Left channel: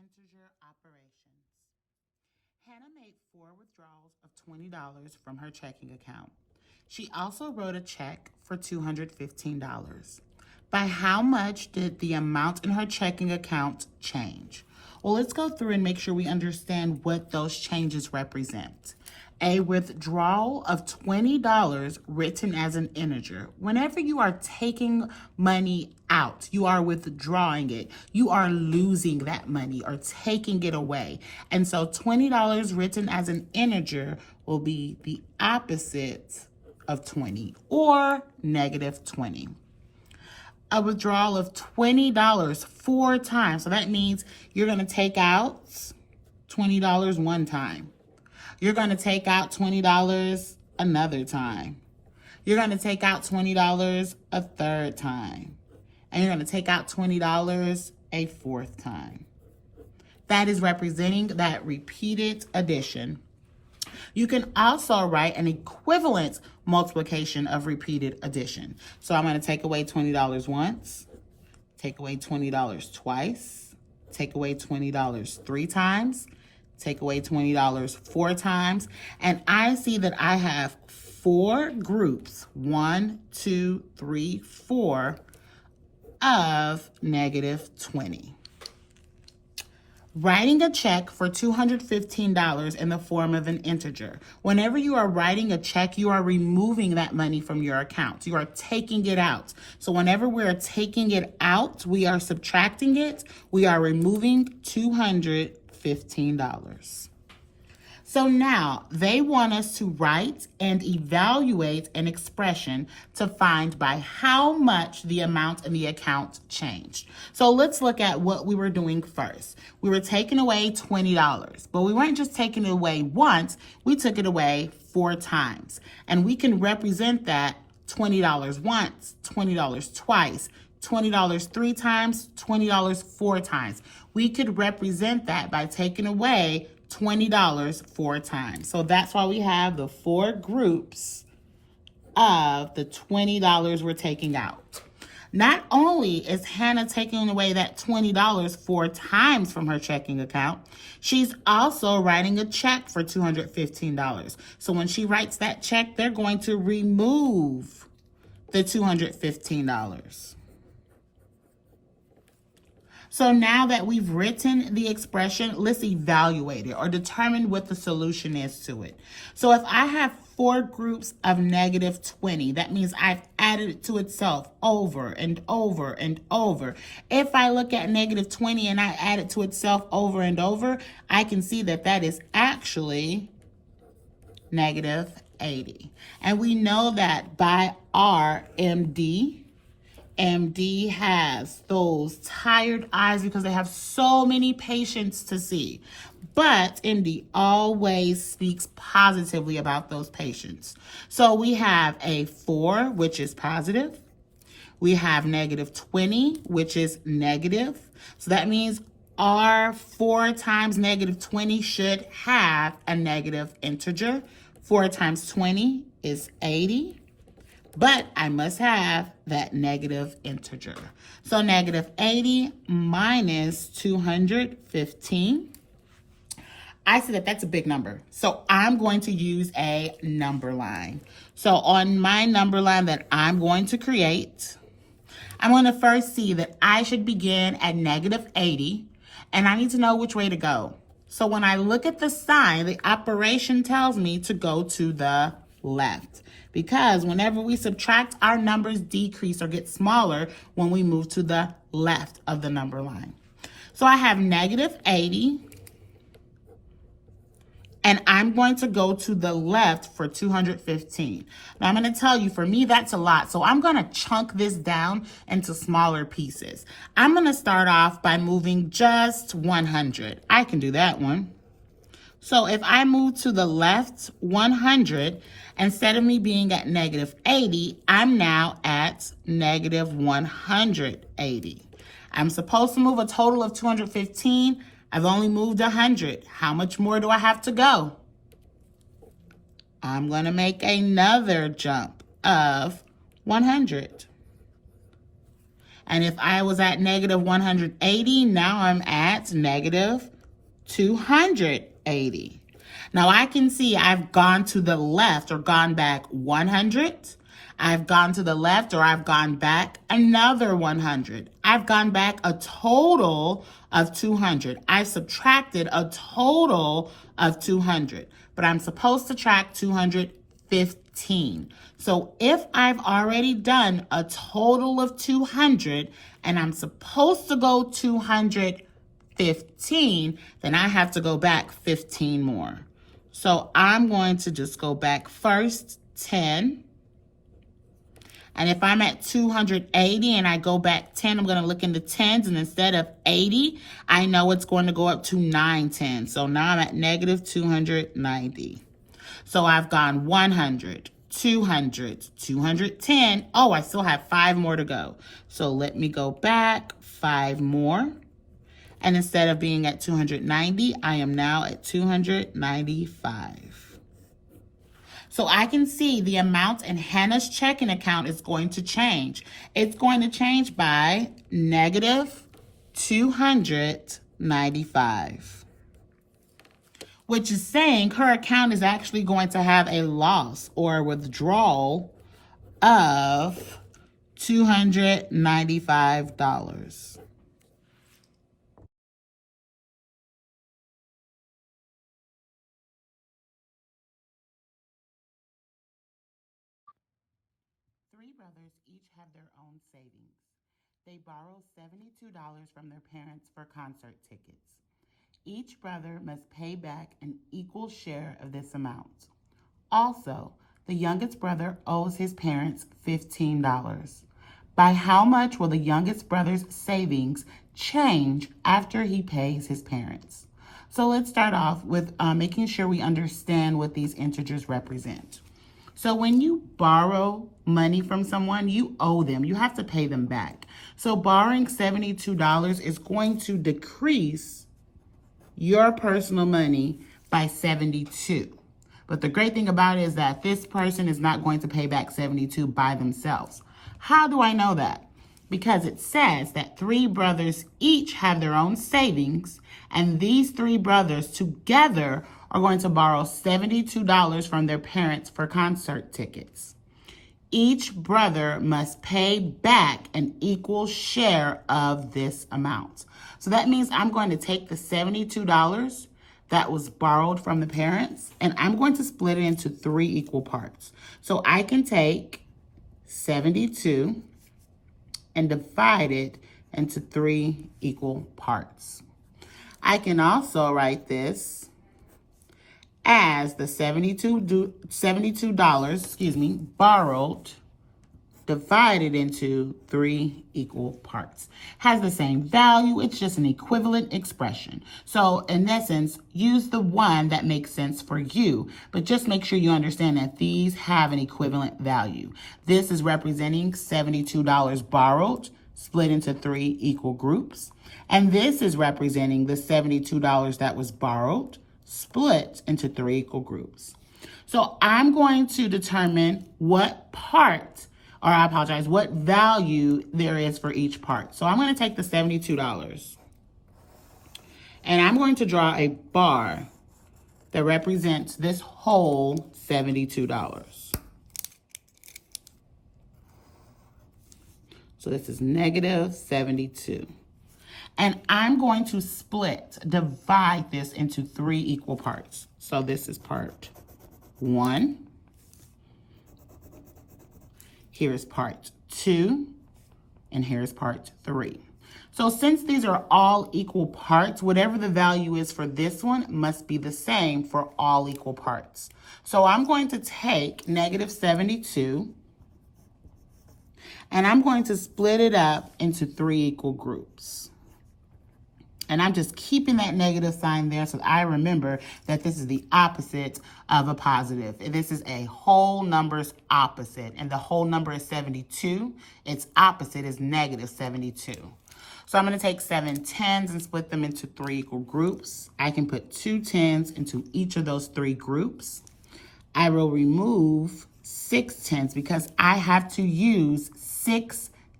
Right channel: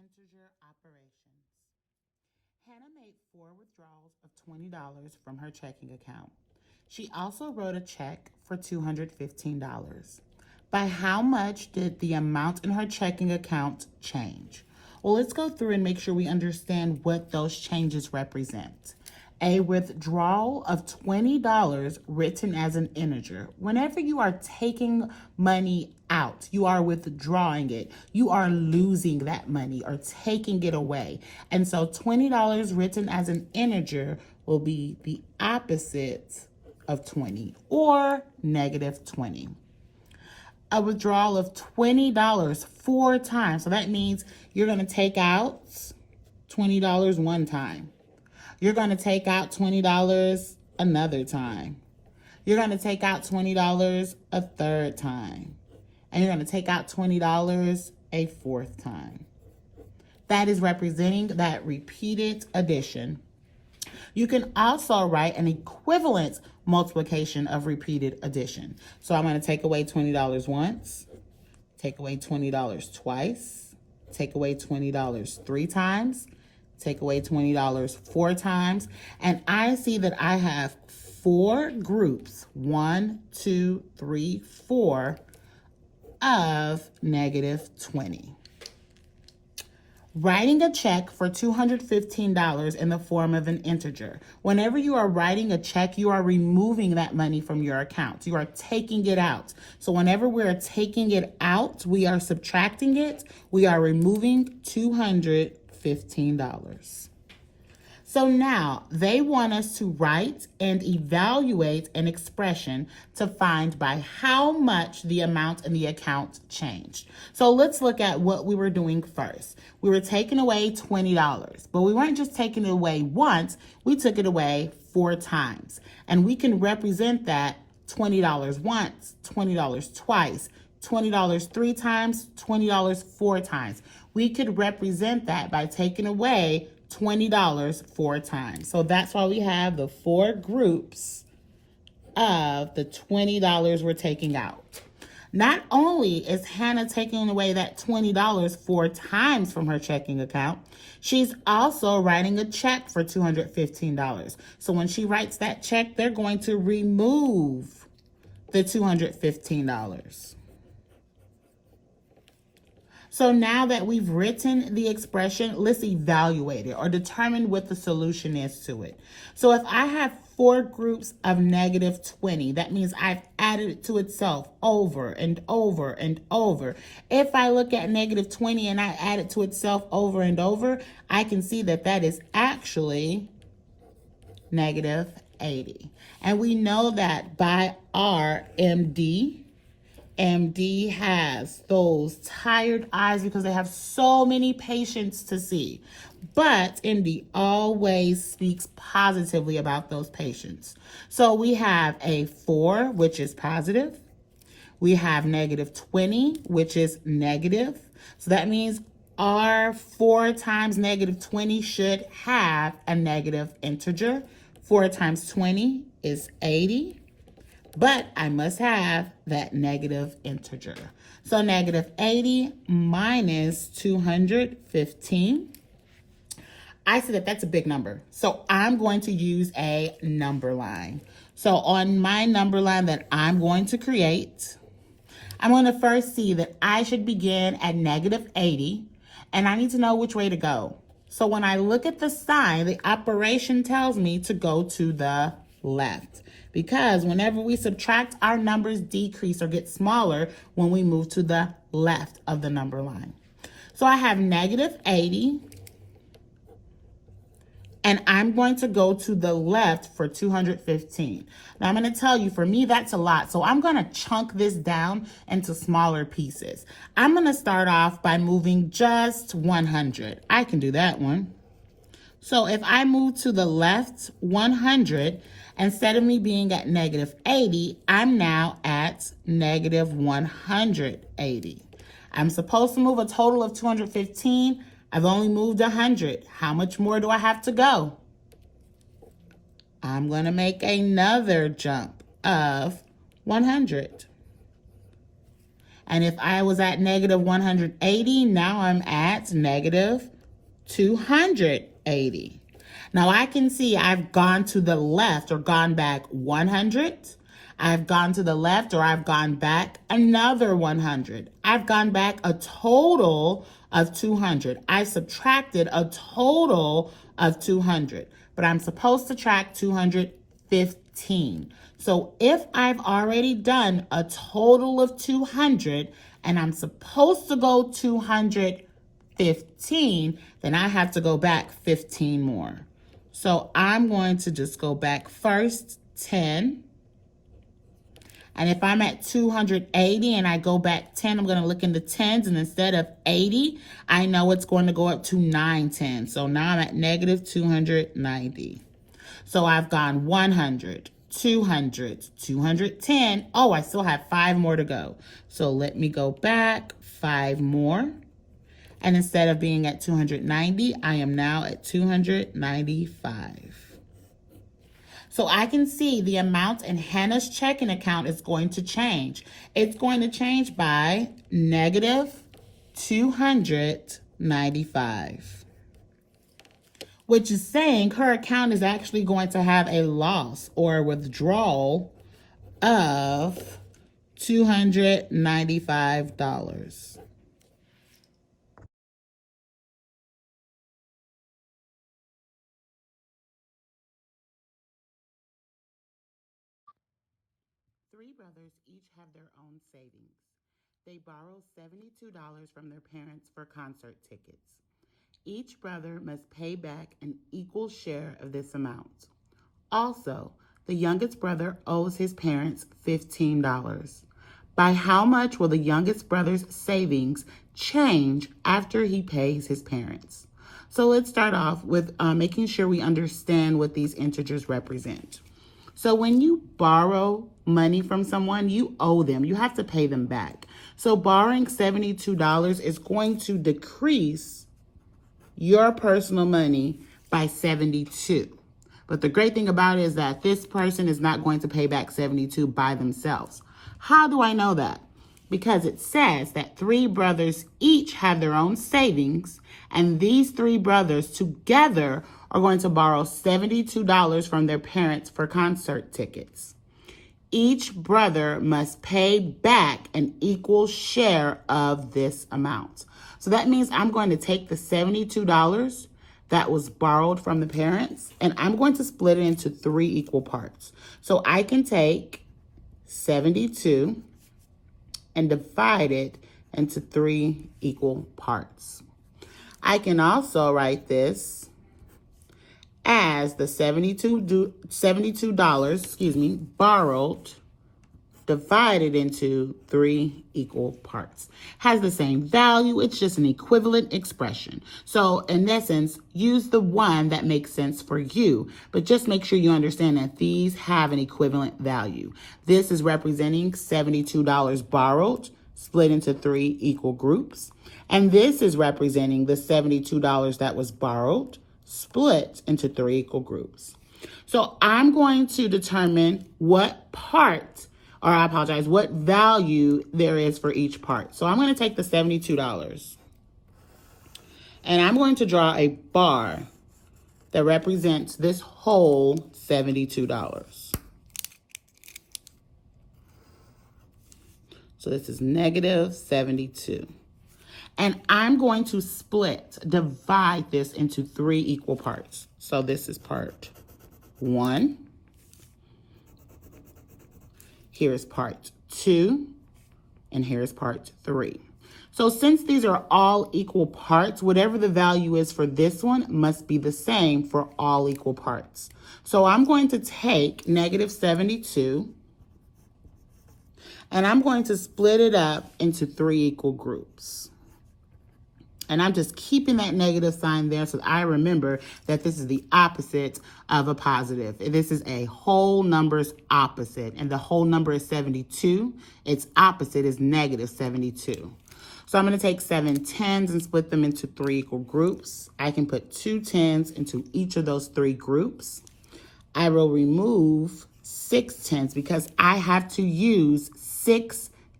integer operations. Hannah made four withdrawals of $20 from her checking account. She also wrote a check for $215. By how much did the amount in her checking account change? Well, let's go through and make sure we understand what those changes represent. A withdrawal of $20 written as an integer. Whenever you are taking money out, you are withdrawing it. You are losing that money or taking it away. And so $20 written as an integer will be the opposite of 20 or negative 20. A withdrawal of $20 four times. So that means you're going to take out $20 one time. You're going to take out $20 another time. You're going to take out $20 a third time. And you're going to take out $20 a fourth time. That is representing that repeated addition. You can also write an equivalent multiplication of repeated addition. So I'm going to take away $20 once, take away $20 twice, take away $20 three times, take away $20 four times, and I see that I have four groups, 1, 2, 3, 4, of negative 20. Writing a check for $215 in the form of an integer. Whenever you are writing a check, you are removing that money from your account. You are taking it out. So whenever we're taking it out, we are subtracting it. We are removing $215. So now they want us to write and evaluate an expression to find by how much the amount in the account changed. So let's look at what we were doing first. We were taking away $20, but we weren't just taking it away once, we took it away four times. And we can represent that $20 once, $20 twice, $20 three times, $20 four times. We could represent that by taking away $20 four times. So that's why we have the four groups of the $20 we're taking out. Not only is Hannah taking away that $20 four times from her checking account, she's also writing a check for $215. So when she writes that check, they're going to remove the $215. So now that we've written the expression, let's evaluate it or determine what the solution is to it. So if I have four groups of negative 20, that means I've added it to itself over and over and over. If I look at negative 20 and I add it to itself over and over, I can see that that is actually negative 80. And we know that by our MD has those tired eyes because they have so many patients to see. But MD always speaks positively about those patients. So we have a 4, which is positive. We have negative 20, which is negative. So that means our 4 times negative 20 should have a negative integer. 4 times 20 is 80. But I must have that negative integer. So negative 80 minus 215. I see that that's a big number. So I'm going to use a number line. So on my number line that I'm going to create, I'm going to first see that I should begin at negative 80. And I need to know which way to go. So when I look at the sign, the operation tells me to go to the left. Because whenever we subtract, our numbers decrease or get smaller when we move to the left of the number line. So I have negative 80, and I'm going to go to the left for 215. Now I'm going to tell you, for me, that's a lot. So I'm going to chunk this down into smaller pieces. I'm going to start off by moving just 100. I can do that one. So if I move to the left 100, instead of me being at negative 80, I'm now at negative 180. I'm supposed to move a total of 215. I've only moved 100. How much more do I have to go? I'm going to make another jump of 100. And if I was at negative 180, now I'm at negative 280. Now I can see I've gone to the left or gone back 100. I've gone to the left or I've gone back another 100. I've gone back a total of 200. I subtracted a total of 200, but I'm supposed to track 215. So if I've already done a total of 200 and I'm supposed to go 215, then I have to go back 15 more. So I'm going to just go back first 10. And if I'm at 280 and I go back 10, I'm going to look in the tens, and instead of 80, I know it's going to go up to 910. So now I'm at negative 290. So I've gone 100, 200, 210. Oh, I still have 5 more to go. So let me go back 5 more. And instead of being at 290, I am now at 295. So I can see the amount in Hannah's checking account is going to change. It's going to change by negative 295, which is saying her account is actually going to have a loss or a withdrawal of $295. Three brothers each have their own savings. They borrow $72 from their parents for concert tickets. Each brother must pay back an equal share of this amount. Also, the youngest brother owes his parents $15. By how much will the youngest brother's savings change after he pays his parents? So let's start off with making sure we understand what these integers represent. So when you borrow money from someone, you owe them. You have to pay them back. So borrowing $72 is going to decrease your personal money by 72. But the great thing about it is that this person is not going to pay back 72 by themselves. How do I know that? Because it says that 3 brothers each have their own savings, and these 3 brothers together are going to borrow $72 from their parents for concert tickets. Each brother must pay back an equal share of this amount. So that means I'm going to take the $72 that was borrowed from the parents, and I'm going to split it into 3 equal parts. So I can take 72 and divide it into 3 equal parts. I can also write this as the $72 borrowed divided into 3 equal parts. Has the same value, it's just an equivalent expression. So in essence, use the one that makes sense for you, but just make sure you understand that these have an equivalent value. This is representing $72 borrowed, split into 3 equal groups. And this is representing the $72 that was borrowed, split into 3 equal groups. So I'm going to determine what value there is for each part. So I'm going to take the $72 and I'm going to draw a bar that represents this whole $72. So this is negative 72. And I'm going to divide this into 3 equal parts. So this is part 1. Here is part 2. And here is part 3. So since these are all equal parts, whatever the value is for this one must be the same for all equal parts. So I'm going to take negative 72 and I'm going to split it up into 3 equal groups. And I'm just keeping that negative sign there so I remember that this is the opposite of a positive. This is a whole number's opposite, and the whole number is 72. Its opposite is negative 72. So I'm going to take 7 tens and split them into 3 equal groups. I can put 2 tens into each of those 3 groups. I will remove 6 tens because I have to use 6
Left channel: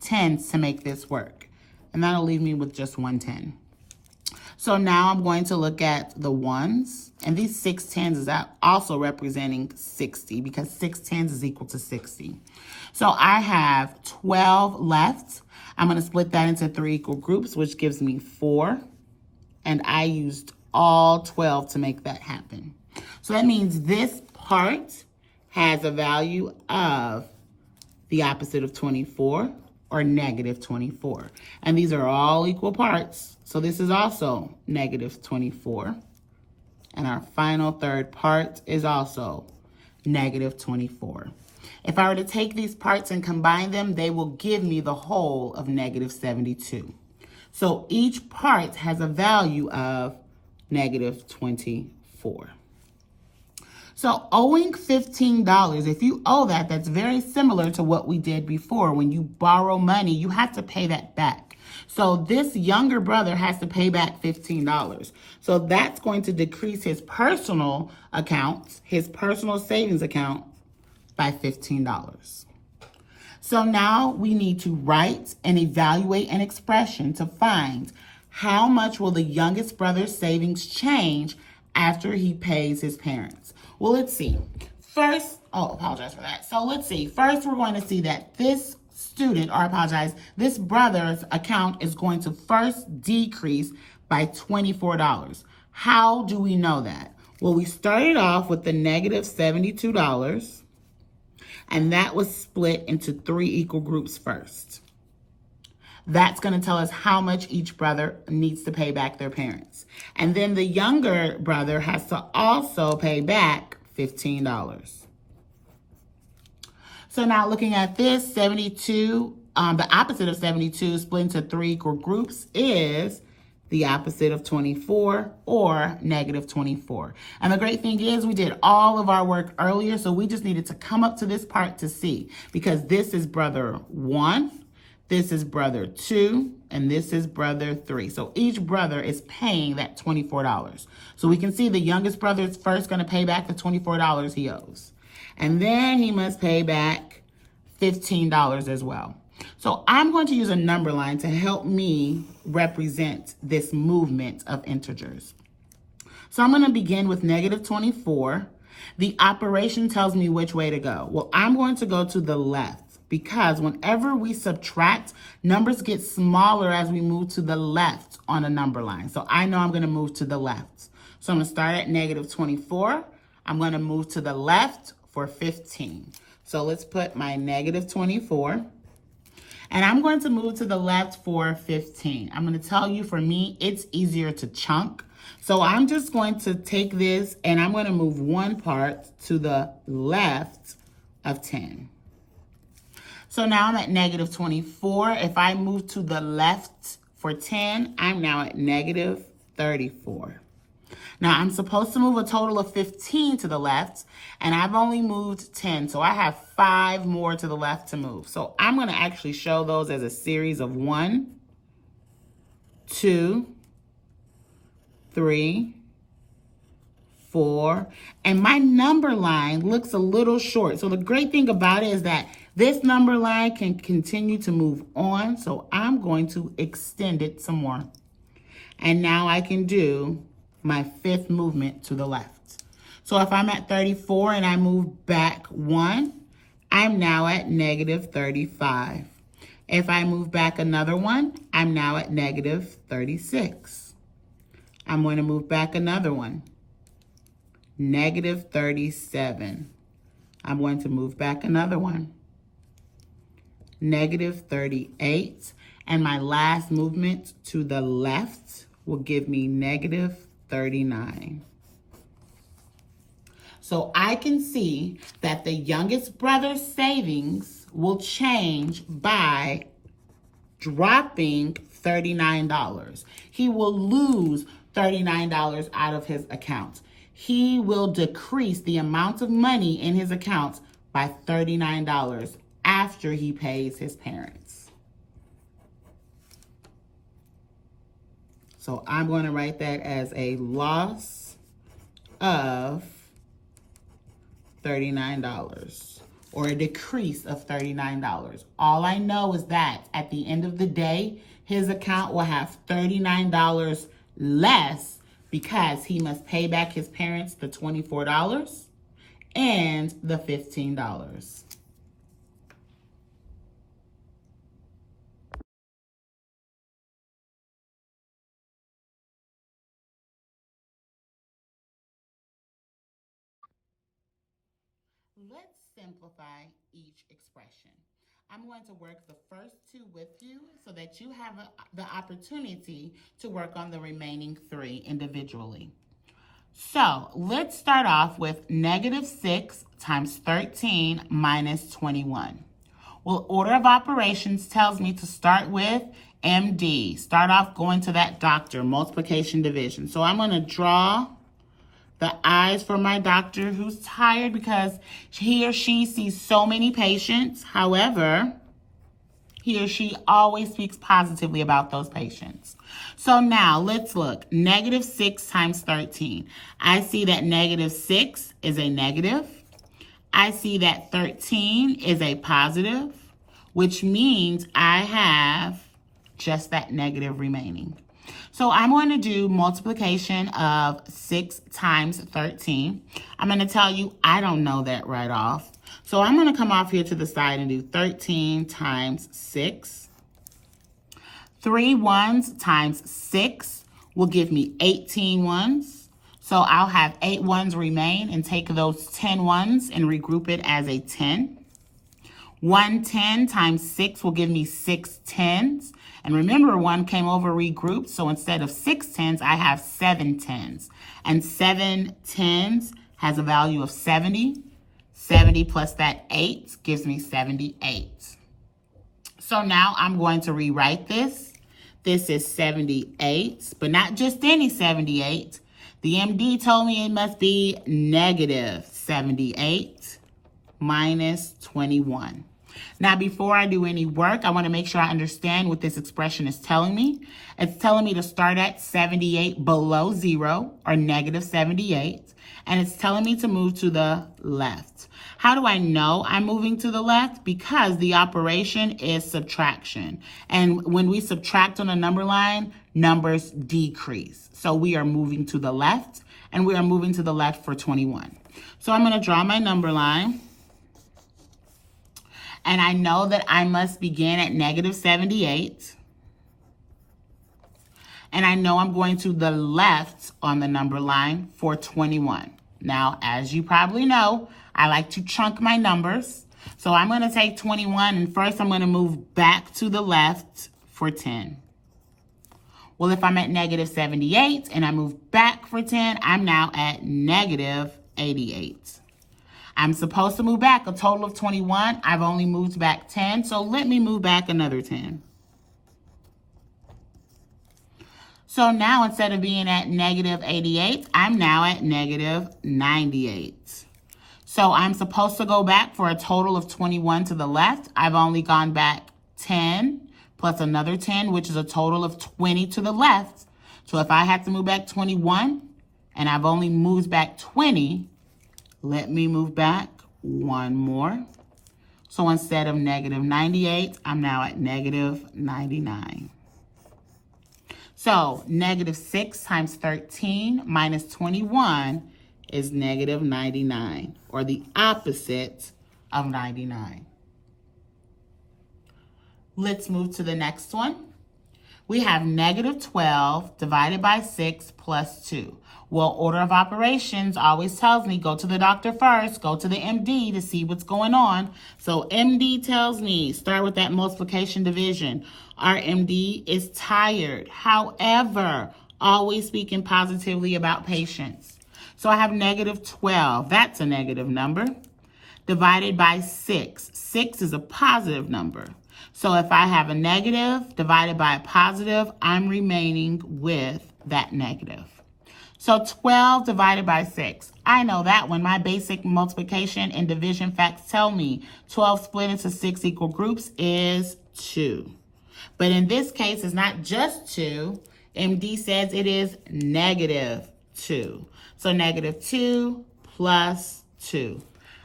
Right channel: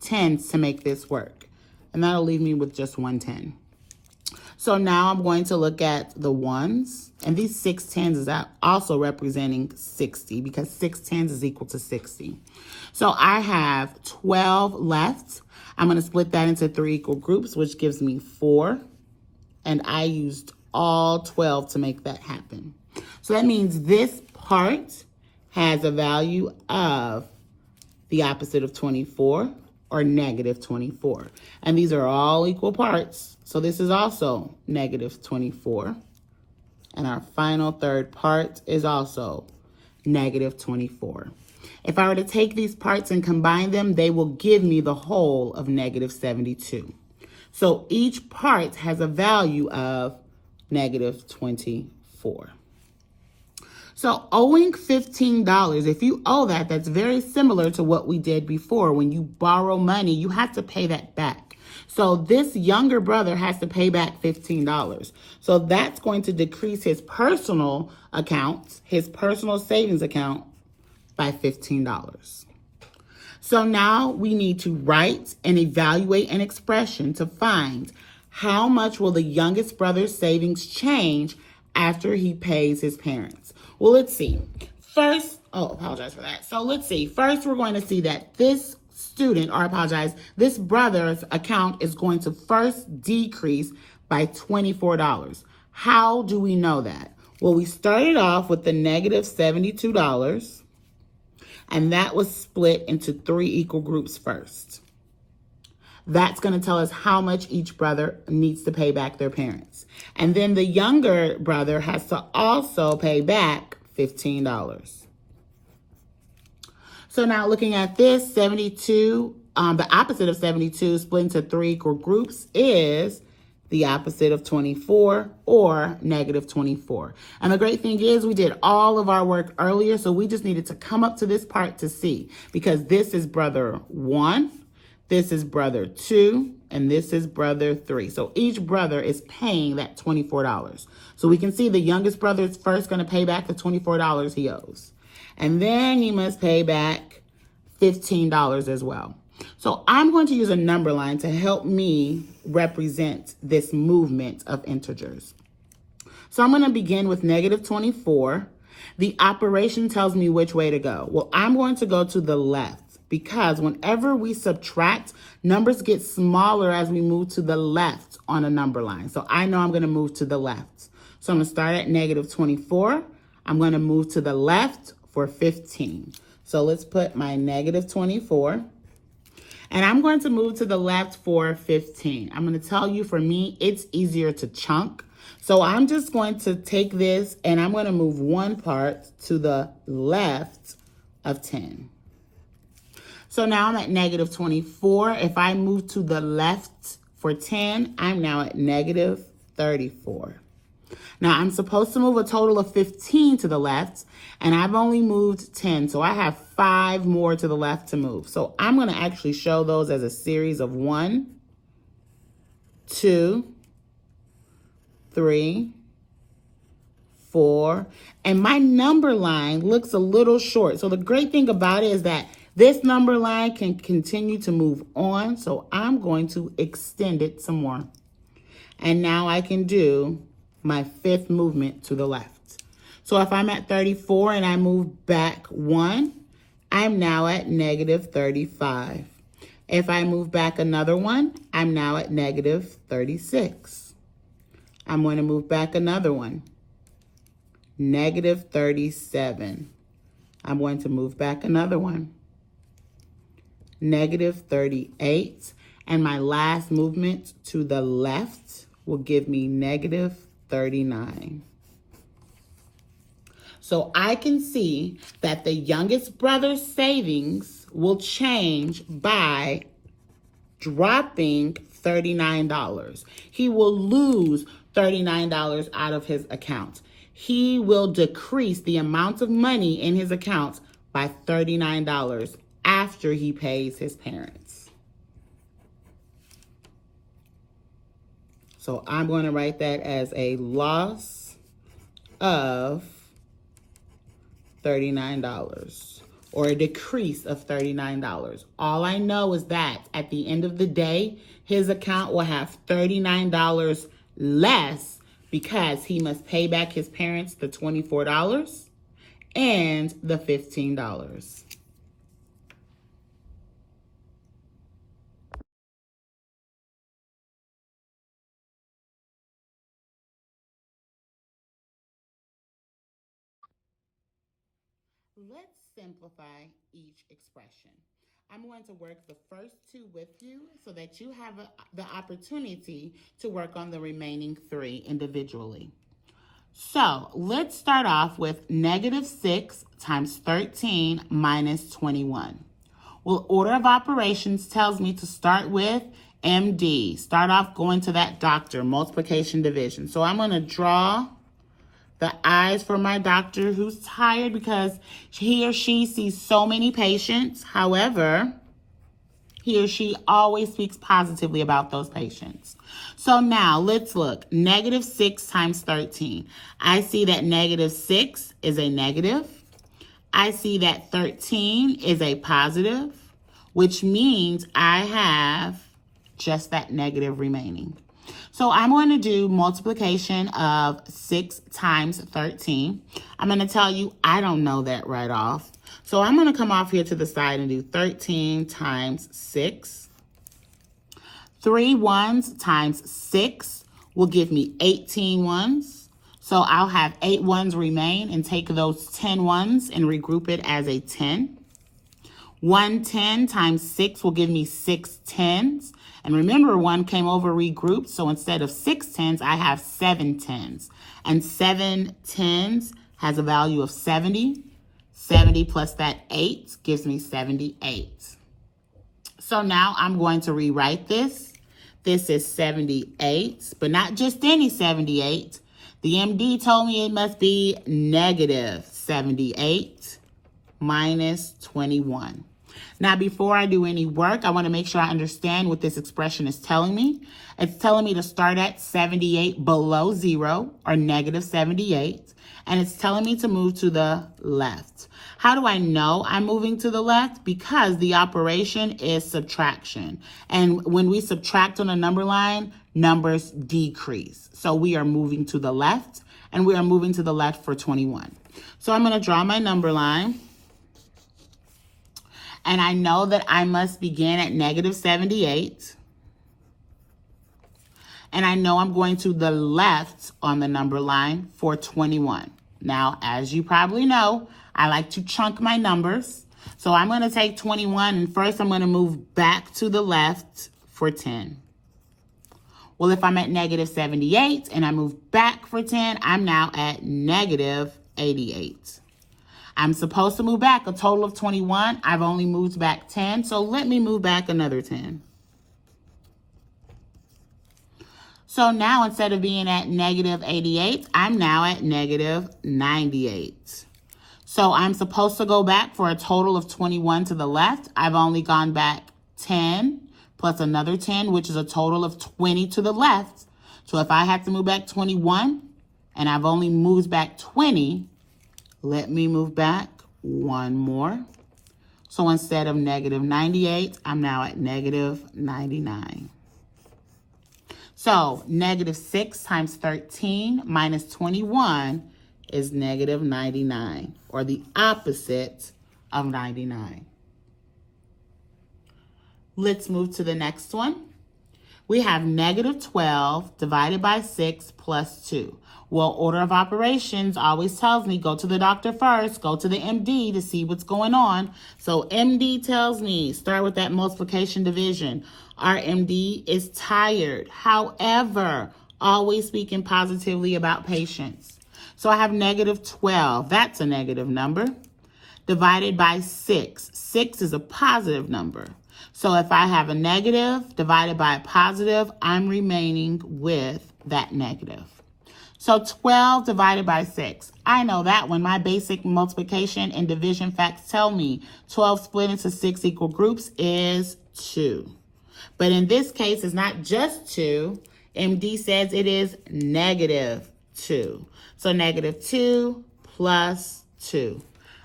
tens to make this work. And that'll leave me with just 1 10. So now I'm going to look at the ones, and these 6 tens is also representing 60 because 6 tens is equal to 60. So I have 12 left. I'm going to split that into 3 equal groups, which gives me 4. And I used all 12 to make that happen. So that means this part has a value of the opposite of 24, or negative 24. And these are all equal parts. So this is also negative 24. And our final third part is also negative 24. If I were to take these parts and combine them, they will give me the whole of negative 72. So each part has a value of negative 24. So owing $15, if you owe that, that's very similar to what we did before. When you borrow money, you have to pay that back. So this younger brother has to pay back $15. So that's going to decrease his personal accounts, his personal savings account, by $15. So now we need to write and evaluate an expression to find how much will the youngest brother's savings change after he pays his parents. Well, let's see. First, apologize for that. So let's see. First, we're going to see that this this brother's account is going to first decrease by $24. How do we know that? Well, we started off with the negative $72, and that was split into 3 equal groups first. That's going to tell us how much each brother needs to pay back their parents. And then the younger brother has to also pay back $15. So now looking at this, 72, the opposite of 72 split into 3 equal groups is the opposite of 24, or negative 24. And the great thing is we did all of our work earlier, so we just needed to come up to this part to see, because this is brother 1, this is brother 2, and this is brother 3. So each brother is paying that $24. So we can see the youngest brother is first going to pay back the $24 he owes. And then he must pay back $15 as well. So I'm going to use a number line to help me represent this movement of integers. So I'm going to begin with negative 24. The operation tells me which way to go. Well, I'm going to go to the left, because whenever we subtract, numbers get smaller as we move to the left on a number line. So I know I'm going to move to the left. So I'm going to start at negative 24. I'm going to move to the left for 15. So let's put my negative 24. And I'm going to move to the left for 15. I'm going to tell you, for me, it's easier to chunk. So I'm just going to take this and I'm going to move one part to the left of 10. So now I'm at negative 24. If I move to the left for 10, I'm now at negative 34. Now I'm supposed to move a total of 15 to the left, and I've only moved 10. So I have 5 more to the left to move. So I'm going to actually show those as a series of 1, 2, 3, 4. And my number line looks a little short. So the great thing about it is that this number line can continue to move on. So I'm going to extend it some more. And now I can do my 5th movement to the left. So if I'm at 34 and I move back 1, I'm now at negative 35. If I move back another 1, I'm now at negative 36. I'm going to move back another 1, negative 37. I'm going to move back another 1, negative 38. And my last movement to the left will give me negative 39. So I can see that the youngest brother's savings will change by dropping $39. He will lose $39 out of his account. He will decrease the amount of money in his account by $39 after he pays his parents. So I'm going to write that as a loss of $39. or a decrease of $39. All I know is that at the end of the day, his account will have $39 less because he must pay back his parents the $24 and the $15. Let's simplify each expression. I'm going to work the first two with you so that you have the opportunity to work on the remaining three individually. So let's start off with -6 times 13 minus 21. Well, order of operations tells me to start with MD. Start off going to that doctor, multiplication division. So I'm going to draw the eyes for my doctor who's tired because he or she sees so many patients. However, he or she always speaks positively about those patients. So now let's look. -6 times 13. I see that -6 is a negative. I see that 13 is a positive, which means I have just that negative remaining. So I'm going to do multiplication of 6 times 13. I'm going to tell you I don't know that right off. So I'm going to come off here to the side and do 13 times 6. 3 ones times 6 will give me 18 ones. So I'll have 8 ones remain and take those 10 ones and regroup it as a 10. 110 times 6 will give me 6 tens. And remember, 1 came over regrouped, so instead of 6 tens, I have 7 tens. And 7 tens has a value of 70. 70 plus that 8 gives me 78. So now I'm going to rewrite this. This is 78, but not just any 78. The MD told me it must be -78 minus 21. Now, before I do any work, I want to make sure I understand what this expression is telling me. It's telling me to start at 78 below 0, or -78, and it's telling me to move to the left. How do I know I'm moving to the left? Because the operation is subtraction. And when we subtract on a number line, numbers decrease. So we are moving to the left, and we are moving to the left for 21. So I'm going to draw my number line. And I know that I must begin at -78. And I know I'm going to the left on the number line for 21. Now, as you probably know, I like to chunk my numbers. So I'm going to take 21, and first I'm going to move back to the left for 10. Well, if I'm at -78 and I move back for 10, I'm now at -88. I'm supposed to move back a total of 21. I've only moved back 10, so let me move back another 10. So now instead of being at -88, I'm now at -98. So I'm supposed to go back for a total of 21 to the left. I've only gone back 10 plus another 10, which is a total of 20 to the left. So if I have to move back 21 and I've only moved back 20, let me move back one more. So instead of -98, I'm now at -99. So -6 times 13 minus 21 is -99, or the opposite of 99. Let's move to the next one. We have -12 divided by 6 plus 2. Well, order of operations always tells me go to the doctor first, go to the MD to see what's going on. So MD tells me start with that multiplication division. Our MD is tired. However, always speaking positively about patients. So I have -12. That's a negative number. Divided by 6. 6 is a positive number. So if I have a negative divided by a positive, I'm remaining with that negative. So 12 divided by 6. I know that one. My basic multiplication and division facts tell me 12 split into 6 equal groups is 2. But in this case, it's not just 2. MD says it is -2. So -2 plus 2.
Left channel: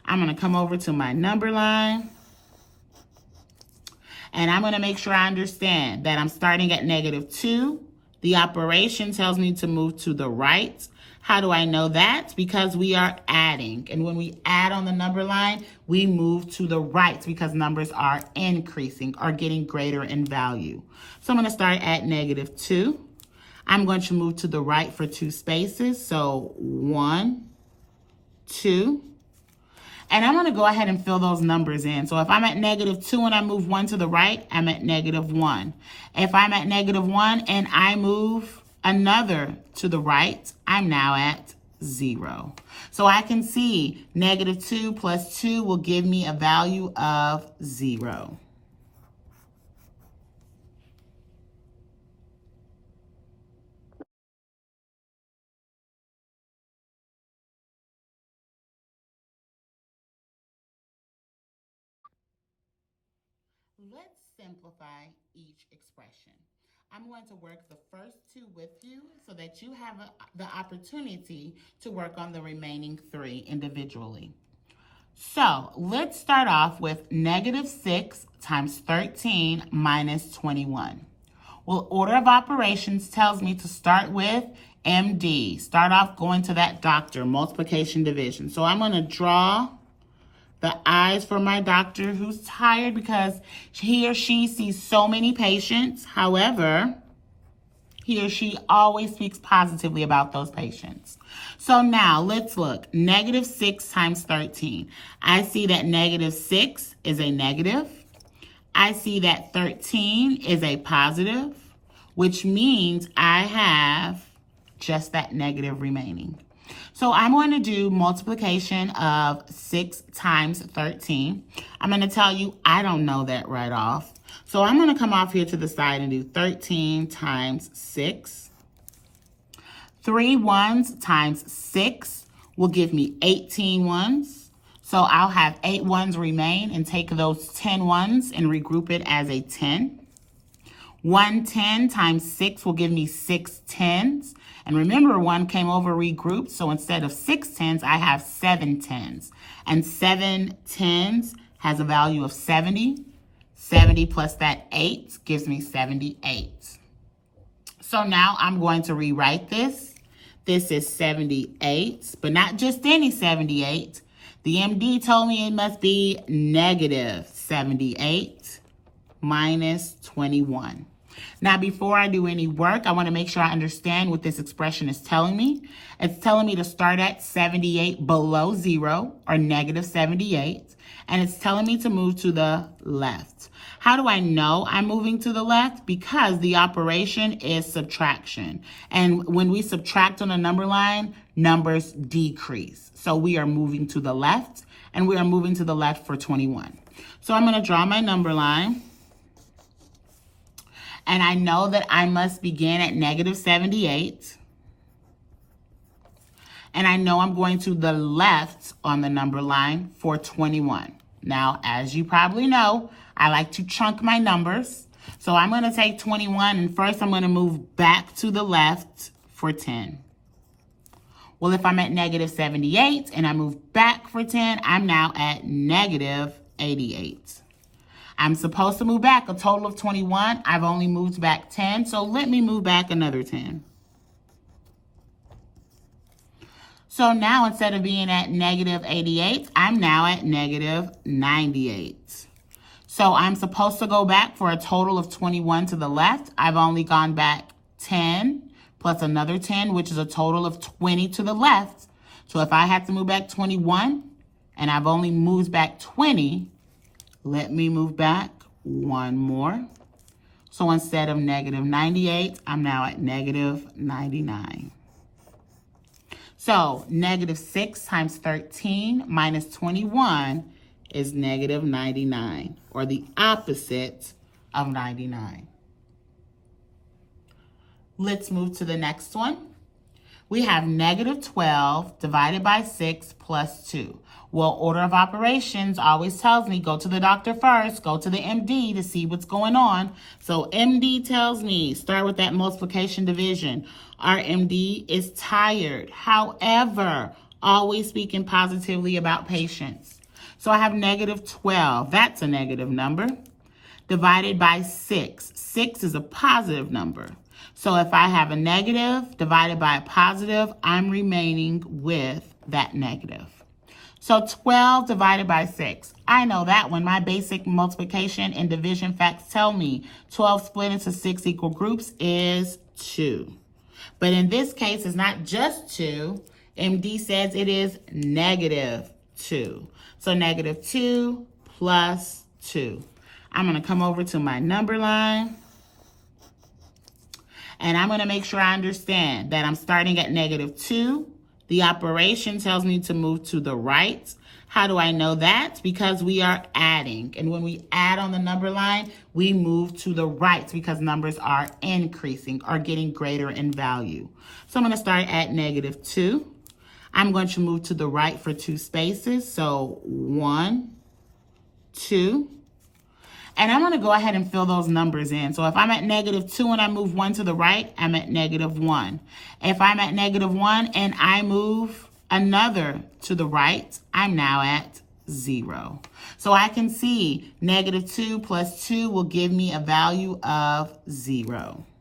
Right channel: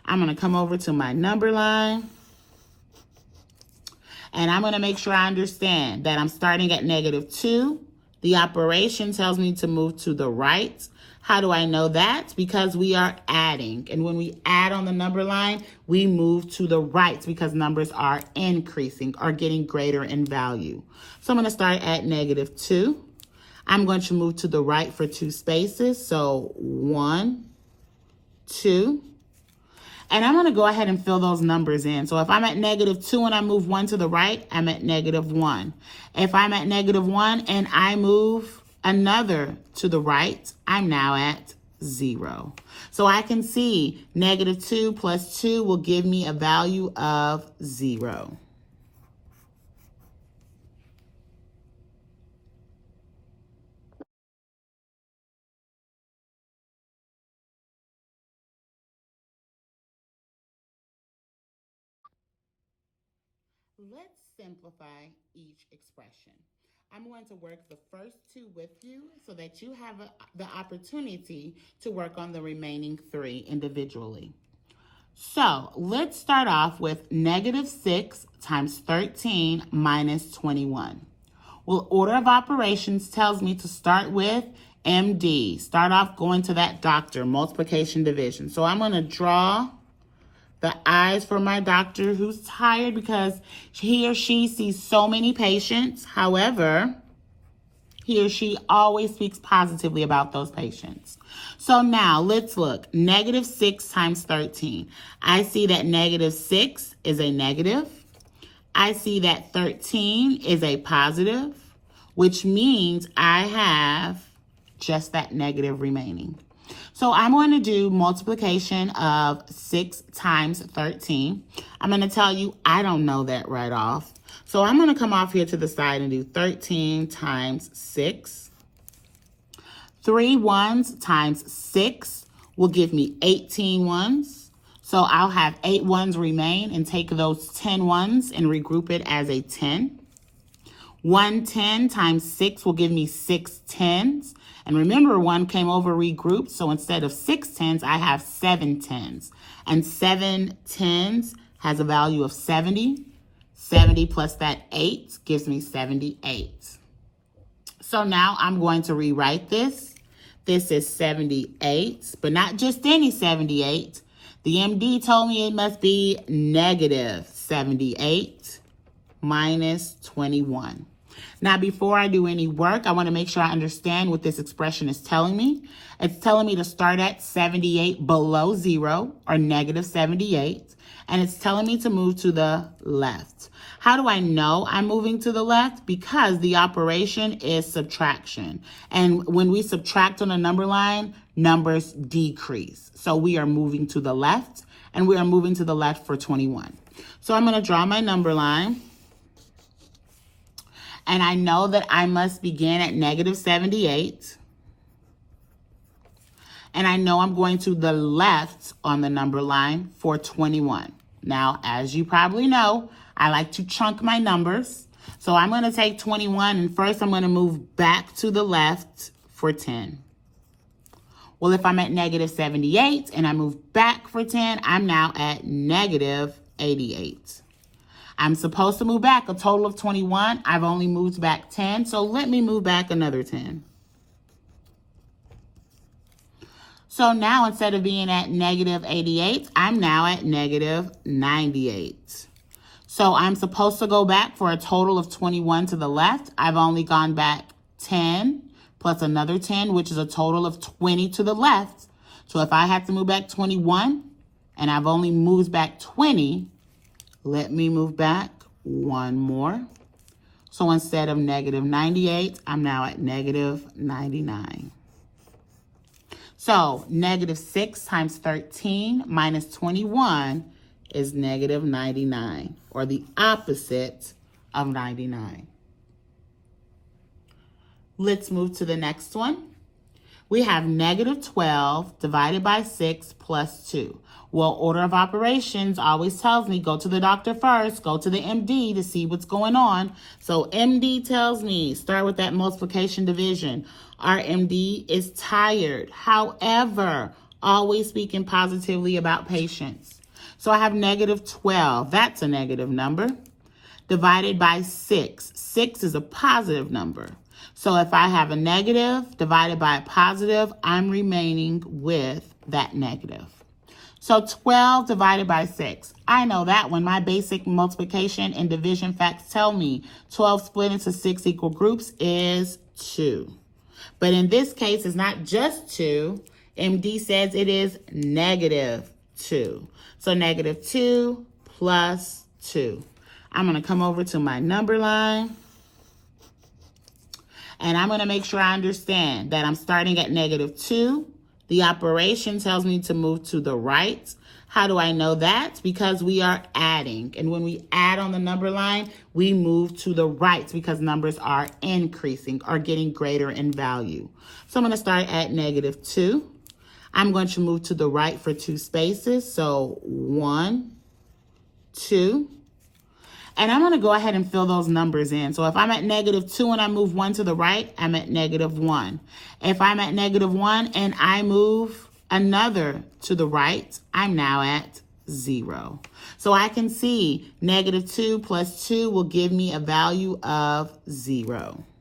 I'm going to come over to my number line. And I'm going to make sure I understand that I'm starting at -2. The operation tells me to move to the right. How do I know that? Because we are adding. And when we add on the number line, we move to the right because numbers are increasing or getting greater in value. So I'm going to start at -2. I'm going to move to the right for 2 spaces. So 1, 2. And I'm going to go ahead and fill those numbers in. So if I'm at -2 and I move 1 to the right, I'm at -1. If I'm at -1 and I move another to the right, I'm now at 0. So I can see -2 plus 2 will give me a value of 0. Let's simplify each expression. I'm going to work the first 2 with you so that you have the opportunity to work on the remaining 3 individually. So let's start off with -6 times 13 minus 21. Well, order of operations tells me to start with MD. Start off going to that doctor, multiplication division. So I'm going to draw the eyes for my doctor who's tired because he or she sees so many patients. However, he or she always speaks positively about those patients. So now let's look. -6 times 13. I see that -6 is a negative. I see that 13 is a positive, which means I have just that negative remaining. So I'm going to do multiplication of 6 times 13. I'm going to tell you I don't know that right off. So I'm going to come off here to the side and do 13 times 6. 3 ones times 6 will give me 18 ones. So I'll have 8 ones remain and take those 10 ones and regroup it as a 10. 110 times 6 will give me 6 tens. And remember, 1 came over regrouped, so instead of 6 tens, I have 7 tens. And 7 tens has a value of 70. 70 plus that 8 gives me 78. So now I'm going to rewrite this. This is 78, but not just any 78. The MD told me it must be -78 minus 21. Now, before I do any work, I want to make sure I understand what this expression is telling me. It's telling me to start at 78 below 0, or -78, and it's telling me to move to the left. How do I know I'm moving to the left? Because the operation is subtraction. And when we subtract on a number line, numbers decrease. So we are moving to the left, and we are moving to the left for 21. So I'm going to draw my number line. And I know that I must begin at -78. And I know I'm going to the left on the number line for 21. Now, as you probably know, I like to chunk my numbers. So I'm going to take 21, and first I'm going to move back to the left for 10. Well, if I'm at -78 and I move back for 10, I'm now at -88. I'm supposed to move back a total of 21. I've only moved back 10, so let me move back another 10. So now instead of being at -88, I'm now at -98. So I'm supposed to go back for a total of 21 to the left. I've only gone back 10 plus another 10, which is a total of 20 to the left. So if I have to move back 21 and I've only moved back 20, let me move back one more. So instead of -98, I'm now at -99. So -6 times 13 minus 21 is -99, or the opposite of 99. Let's move to the next one. We have -12 divided by 6 plus 2. Well, order of operations always tells me go to the doctor first, go to the MD to see what's going on. So MD tells me start with that multiplication division. Our MD is tired. However, always speaking positively about patients. So I have negative 12. That's a negative number. Divided by 6. 6 is a positive number. So if I have a negative divided by a positive, I'm remaining with that negative. So 12 divided by 6. I know that one. My basic multiplication and division facts tell me 12 split into 6 equal groups is 2. But in this case, it's not just 2. MD says it is negative 2. So negative 2 plus 2. I'm going to come over to my number line. And I'm going to make sure I understand that I'm starting at negative 2. The operation tells me to move to the right. How do I know that? Because we are adding. And when we add on the number line, we move to the right because numbers are increasing or getting greater in value. So I'm going to start at negative 2. I'm going to move to the right for 2 spaces. So 1, 2. And I'm going to go ahead and fill those numbers in. So if I'm at negative 2 and I move 1 to the right, I'm at negative 1. If I'm at negative 1 and I move another to the right, I'm now at 0. So I can see negative 2 plus 2 will give me a value of 0.